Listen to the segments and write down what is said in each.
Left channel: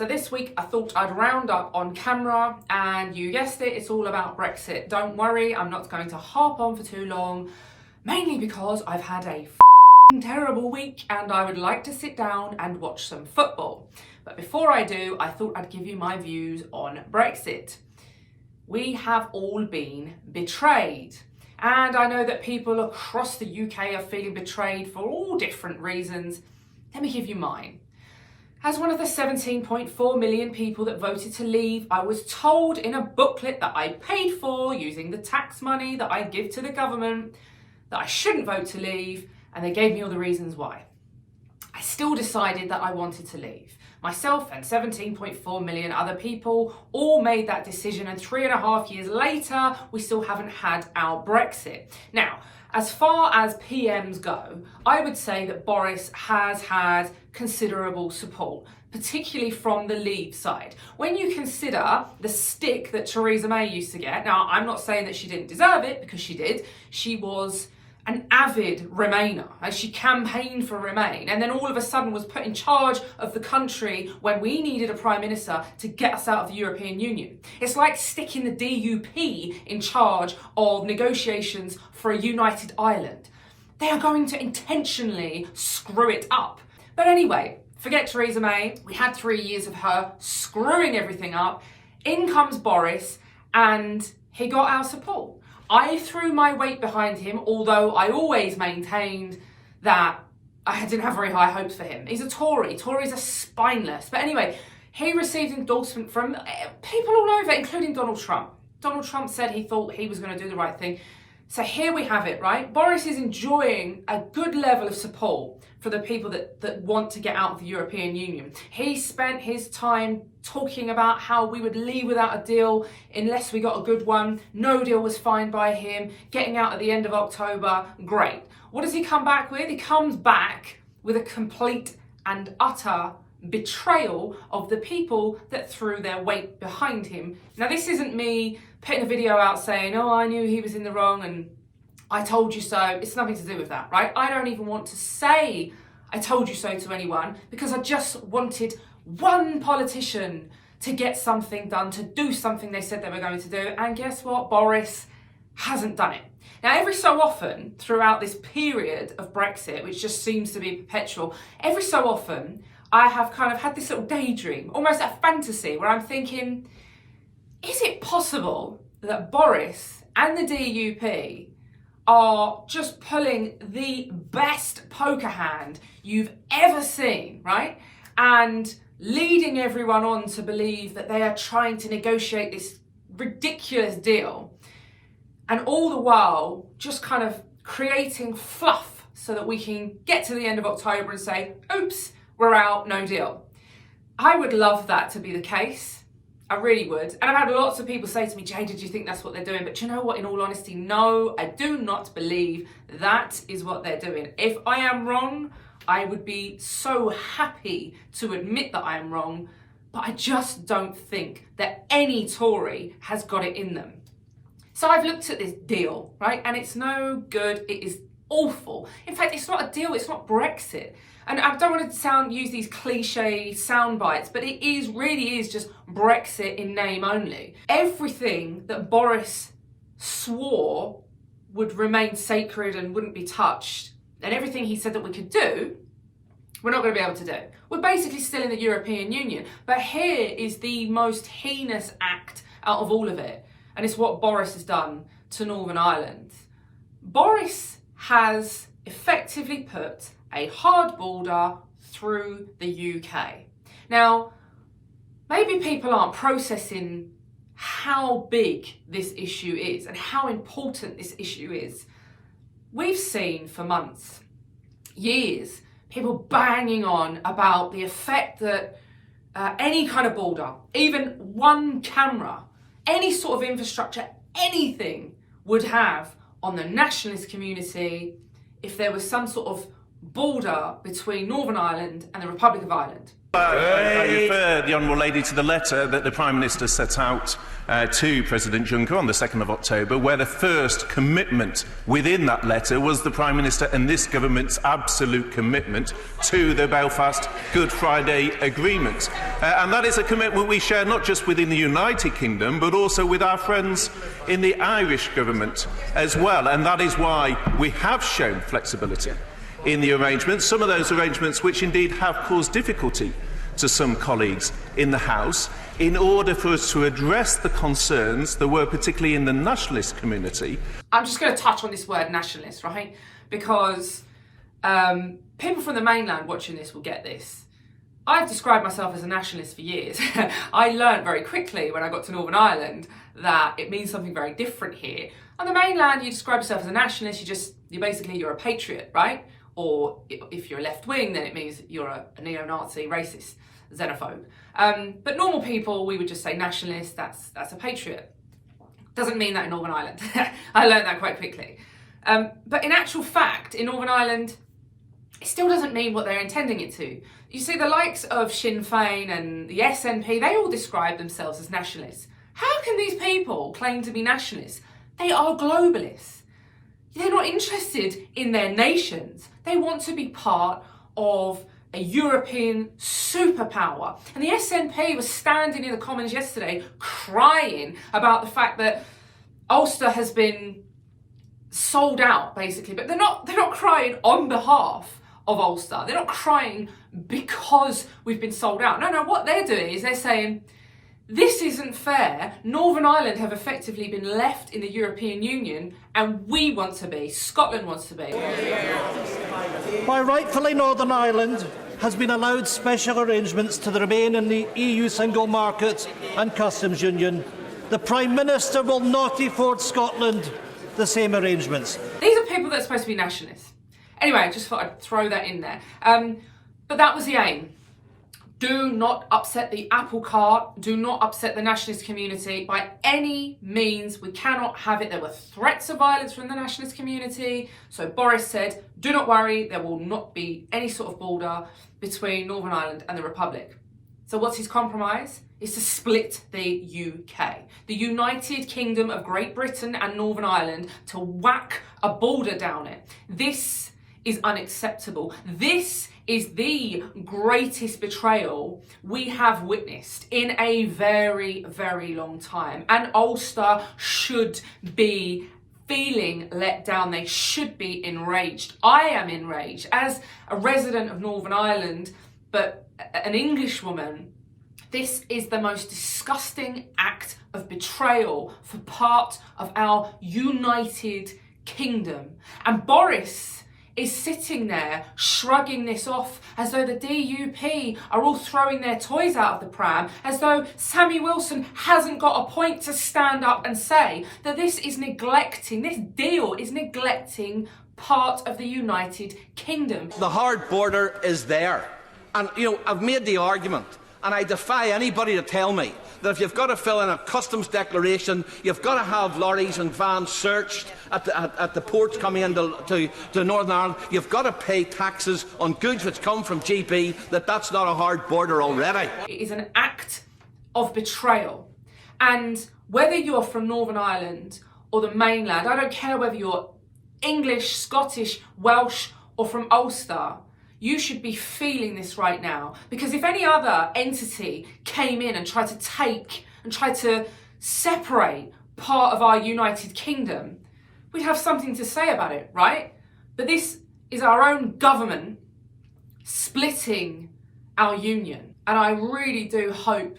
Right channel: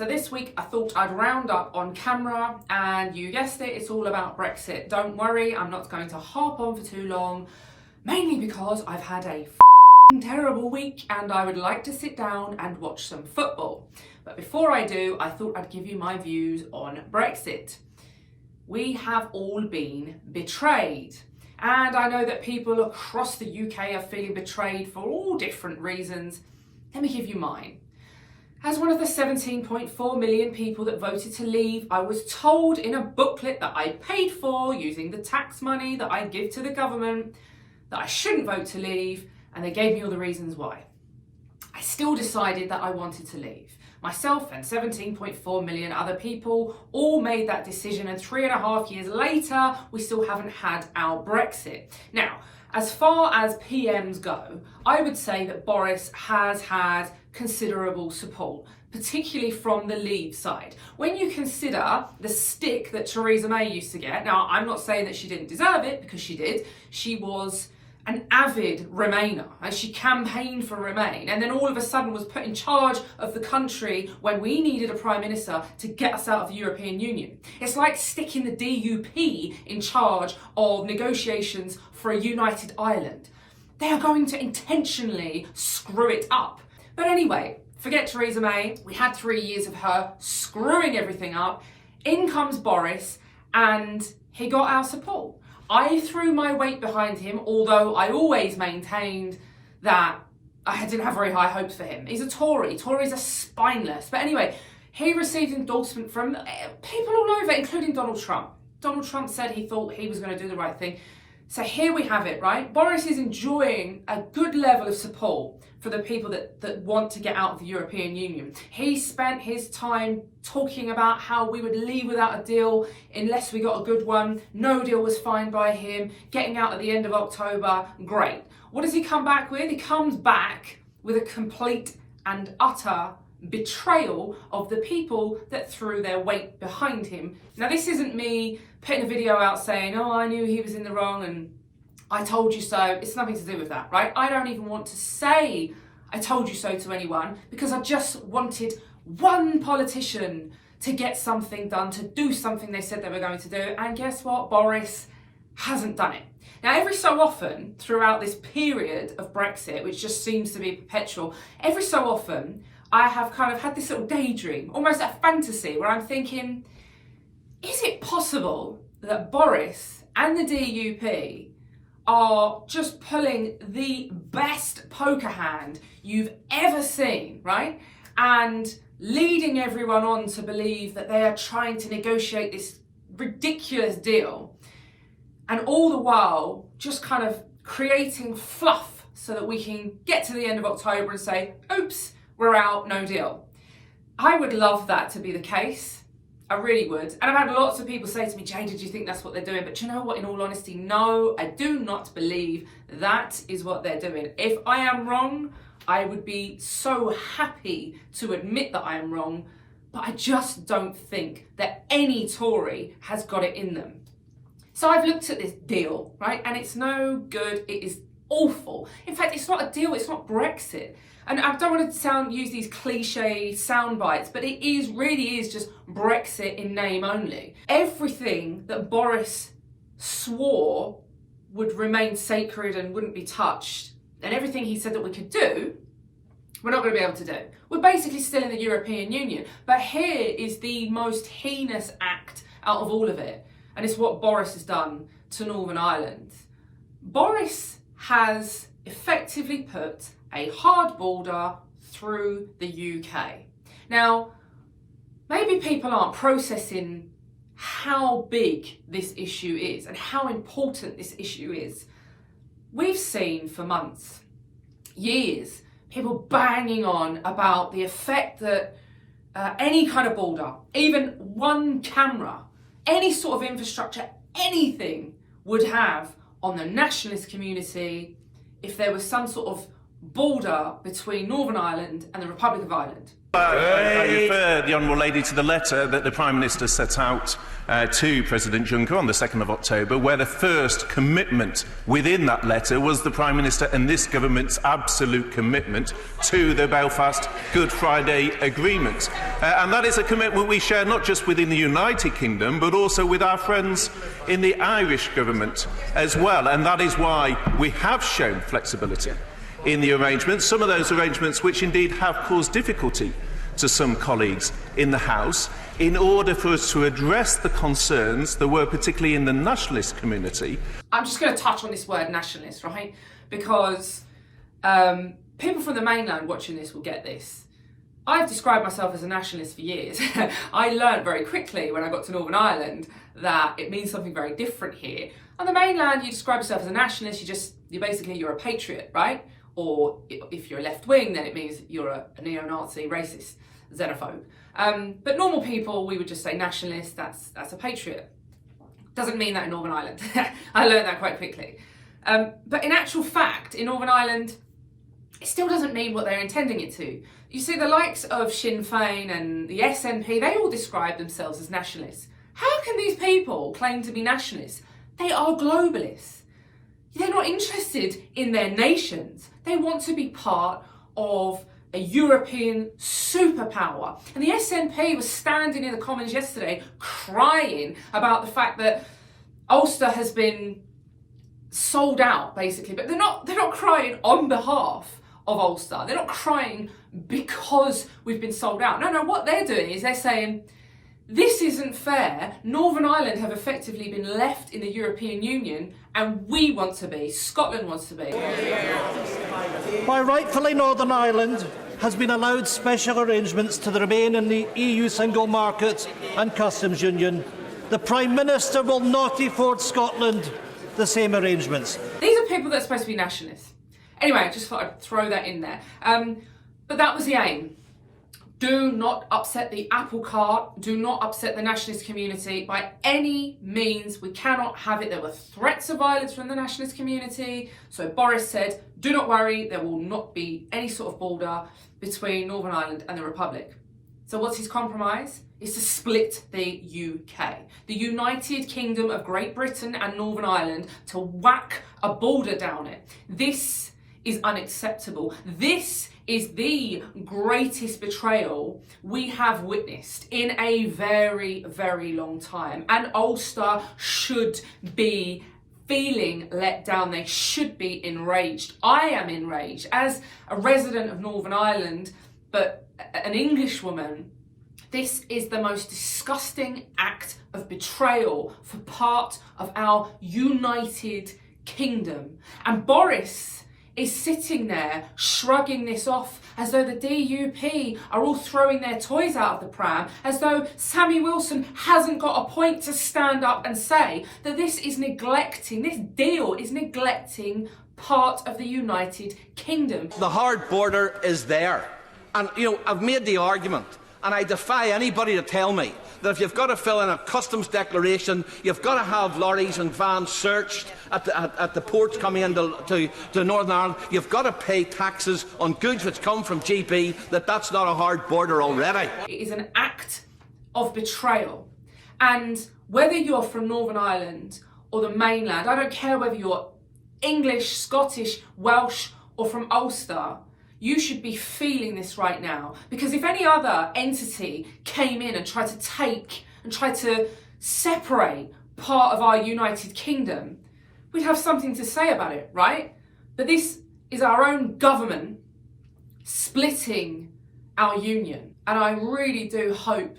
So this week I thought I'd round up on camera, and you guessed it, it's all about Brexit. Don't worry, I'm not going to harp on for too long, mainly because I've had a terrible week and I would like to sit down and watch some football. But before I do, I thought I'd give you my views on Brexit. We have all been betrayed. And I know that people across the UK are feeling betrayed for all different reasons. Let me give you mine. As one of the 17.4 million people that voted to leave, I was told in a booklet that I paid for using the tax money that I give to the government that I shouldn't vote to leave, and they gave me all the reasons why. I still decided that I wanted to leave. Myself and 17.4 million other people all made that decision, and 3.5 years later, we still haven't had our Brexit. Now, as far as PMs go, I would say that Boris has had considerable support, particularly from the Leave side. When you consider the stick that Theresa May used to get, now I'm not saying that she didn't deserve it, because she did. She was an avid Remainer, and she campaigned for Remain, and then all of a sudden was put in charge of the country when we needed a Prime Minister to get us out of the European Union. It's like sticking the DUP in charge of negotiations for a united Ireland. They are going to intentionally screw it up. But anyway, forget Theresa May. We had 3 years of her screwing everything up. In comes Boris, and he got our support. I threw my weight behind him, although I always maintained that I didn't have very high hopes for him. He's a Tory. Tories are spineless. But anyway, he received endorsement from people all over, including Donald Trump. Donald Trump said he thought he was going to do the right thing. So here we have it, right? Boris is enjoying a good level of support for the people that want to get out of the European Union. He spent his time talking about how we would leave without a deal unless we got a good one. No deal was fine by him. Getting out at the end of October, great. What does he come back with? He comes back with a complete and utter betrayal of the people that threw their weight behind him. Now, this isn't me putting a video out saying, oh, I knew he was in the wrong and I told you so. It's nothing to do with that, right? I don't even want to say I told you so to anyone, because I just wanted one politician to get something done, to do something they said they were going to do. And guess what? Boris hasn't done it. Now, every so often throughout this period of Brexit, which just seems to be perpetual, every so often I have kind of had this little daydream, almost a fantasy, where I'm thinking, is it possible that Boris and the DUP are just pulling the best poker hand you've ever seen, right? And leading everyone on to believe that they are trying to negotiate this ridiculous deal, and all the while just kind of creating fluff so that we can get to the end of October and say, oops, we're out, no deal. I would love that to be the case. I really would. And I've had lots of people say to me, Jane, did you think that's what they're doing? But you know what, in all honesty, no, I do not believe that is what they're doing. If I am wrong, I would be so happy to admit that I am wrong, but I just don't think that any Tory has got it in them. So I've looked at this deal, right? And it's no good. It is awful. In fact, it's not a deal. It's not Brexit. And I don't want to use these cliche sound bites, but it really is just Brexit in name only. Everything that Boris swore would remain sacred and wouldn't be touched, and everything he said that we could do, we're not going to be able to do. We're basically still in the European Union. But here is the most heinous act out of all of it. And it's what Boris has done to Northern Ireland. Boris has effectively put a hard border through the UK. Now, maybe people aren't processing how big this issue is and how important this issue is. We've seen for months, years, people banging on about the effect that any kind of border, even one camera, any sort of infrastructure, anything would have on the nationalist community if there was some sort of border between Northern Ireland and the Republic of Ireland. I refer the Honourable Lady to the letter that the Prime Minister set out to President Juncker on the 2nd of October, where the first commitment within that letter was the Prime Minister and this government's absolute commitment to the Belfast Good Friday Agreement. And that is a commitment we share not just within the United Kingdom, but also with our friends in the Irish government as well. And that is why we have shown flexibility in the arrangements, some of those arrangements which indeed have caused difficulty to some colleagues in the House, in order for us to address the concerns that were particularly in the nationalist community. I'm just going to touch on this word nationalist, right? Because people from the mainland watching this will get this. I've described myself as a nationalist for years. I learned very quickly when I got to Northern Ireland that it means something very different here. On the mainland, you describe yourself as a nationalist, you're a patriot, right? Or if you're left wing, then it means you're a neo-Nazi, racist, xenophobe. But normal people, we would just say nationalist, that's a patriot. Doesn't mean that in Northern Ireland. I learned that quite quickly. But in actual fact, in Northern Ireland, it still doesn't mean what they're intending it to. You see, the likes of Sinn Féin and the SNP, they all describe themselves as nationalists. How can these people claim to be nationalists? They are globalists. They're not interested in their nations. They want to be part of a European superpower. And the SNP was standing in the Commons yesterday crying about the fact that Ulster has been sold out, basically. But they're not crying on behalf of Ulster. They're not crying because we've been sold out. No, what they're doing is they're saying, this isn't fair. Northern Ireland have effectively been left in the European Union and we want to be. Scotland wants to be. Why rightfully Northern Ireland has been allowed special arrangements to remain in the EU single market and customs union, the Prime Minister will not afford Scotland the same arrangements. These are people that are supposed to be nationalists. Anyway, I just thought I'd throw that in there. But that was the aim. Do not upset the apple cart. Do not upset the nationalist community by any means. We cannot have it. There were threats of violence from the nationalist community. So Boris said, do not worry, there will not be any sort of border between Northern Ireland and the Republic. So what's his compromise? Is to split the UK, the United Kingdom of Great Britain and Northern Ireland, to whack a border down it. This is unacceptable. This is the greatest betrayal we have witnessed in a very, very long time. And Ulster should be feeling let down. They should be enraged. I am enraged as a resident of Northern Ireland, but an Englishwoman. This is the most disgusting act of betrayal for part of our United Kingdom. And Boris is sitting there shrugging this off as though the DUP are all throwing their toys out of the pram, as though Sammy Wilson hasn't got a point to stand up and say that this deal is neglecting part of the United Kingdom. The hard border is there. And, I've made the argument, and I defy anybody to tell me that if you've got to fill in a customs declaration, you've got to have lorries and vans searched at the ports coming into to Northern Ireland, you've got to pay taxes on goods which come from GB, that's not a hard border already. It is an act of betrayal. And whether you're from Northern Ireland or the mainland, I don't care whether you're English, Scottish, Welsh or from Ulster, you should be feeling this right now. Because if any other entity came in and tried to separate part of our United Kingdom, we'd have something to say about it, right? But this is our own government splitting our union. And I really do hope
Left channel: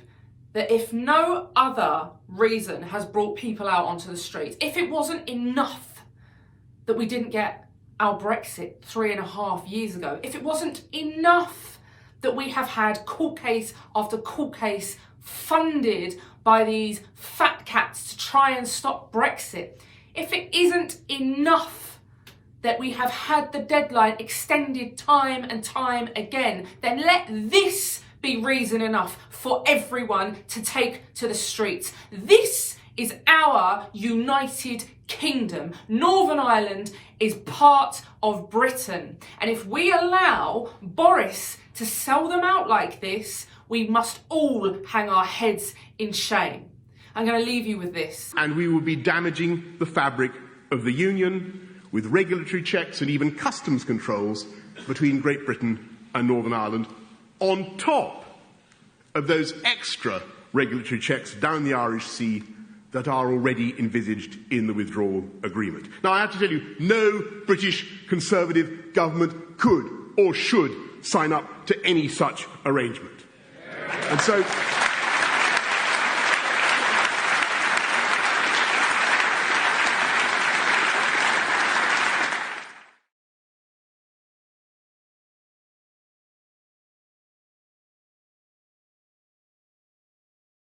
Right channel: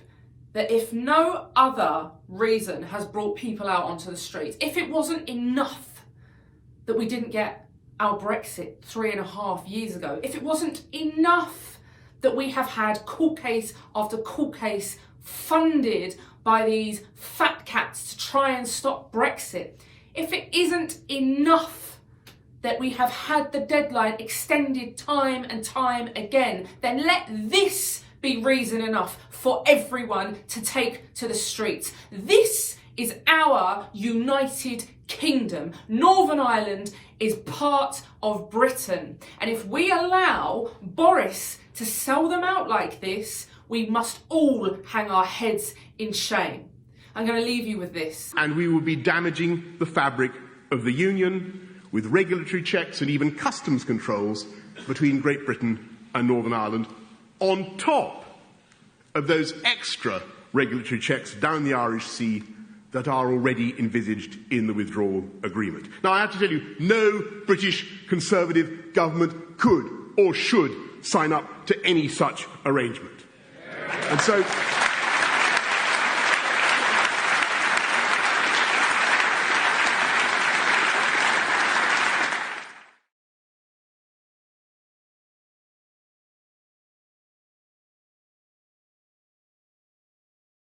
that if no other reason has brought people out onto the streets, if it wasn't enough that we didn't get our Brexit 3.5 years ago, if it wasn't enough that we have had court case after court case funded by these fat cats to try and stop Brexit, if it isn't enough that we have had the deadline extended time and time again, then let this be reason enough for everyone to take to the streets. This is our United Kingdom. Northern Ireland is part of Britain. And if we allow Boris To sell them out like this, we must all hang our heads in shame. I'm going to leave you with this. And we will be damaging the fabric of the Union with regulatory checks and even customs controls between Great Britain and Northern Ireland, on top of those extra regulatory checks down the Irish Sea that are already envisaged in the withdrawal agreement. Now, I have to tell you, no British Conservative government could or should sign up to any such arrangement. And so